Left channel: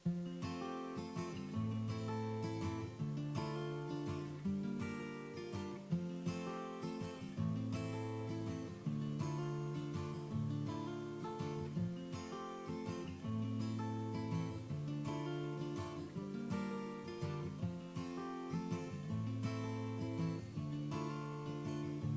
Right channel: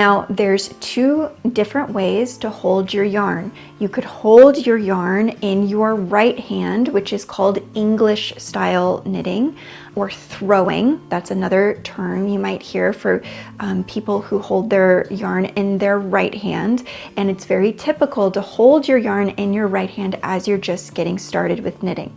Now, there's two different ways to hold your yarn. You could hold your yarn in your right hand, which is called English style knitting, or throwing. That's another term you might hear for people who hold their yarn in their right hand. And it's very typical to hold your yarn in your right hand as you're just getting started with knitting.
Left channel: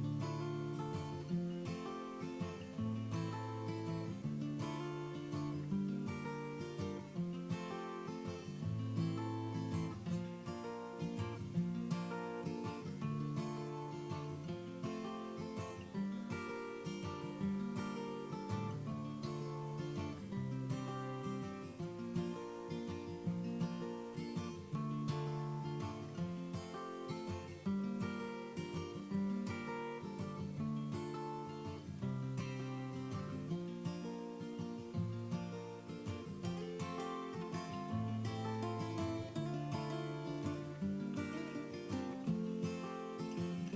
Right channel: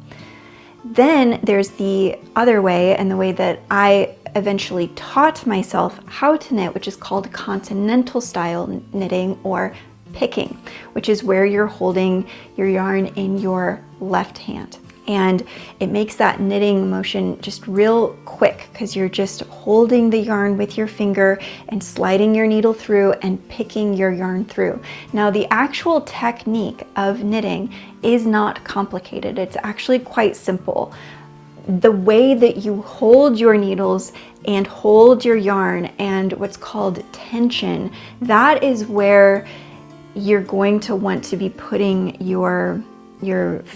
Then there's the other way, and the way that I eventually taught myself how to knit, which is called Continental style knitting, or picking, which is where you're holding your yarn in your left hand. And it makes that knitting motion just real quick because you're just holding the yarn with your finger and sliding your needle through and picking your yarn through. Now, the actual technique of knitting is not complicated. It's actually quite simple. The way that you hold your needles and hold your yarn and what's called tension, that is where you're going to want to be putting your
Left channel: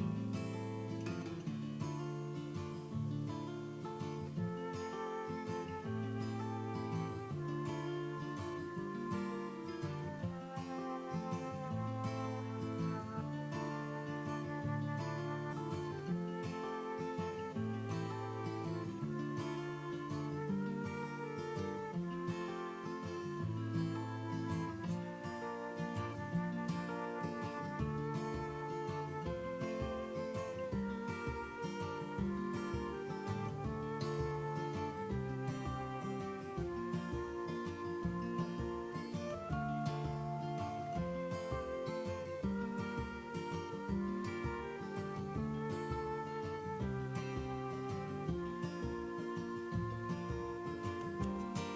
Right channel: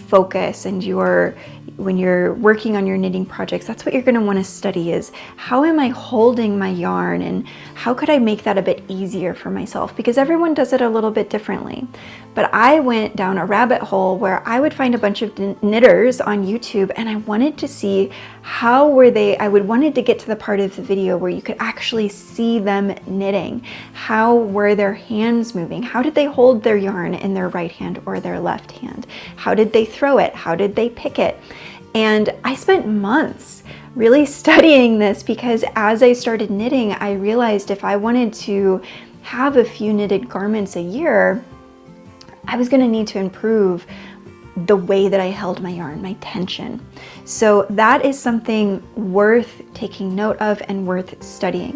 focus, and when you're working on your knitting projects, that's what you're going to want to study, is how am I holding my yarn and how could I make that a bit easier for myself, because everyone does it a little bit differently. But I went down a rabbit hole where I would find a bunch of knitters on YouTube, and I wanted to see how wanted to get to the part of the video where you could actually see them knitting. How were their hands moving? How did they hold their yarn in their right hand or their left hand? How did they throw it? How did they pick it? And I spent months really studying this, because as I started knitting, I realized if I wanted to have a few knitted garments a year, I was going to need to improve the way that I held my yarn, my tension. So that is something worth taking note of and worth studying.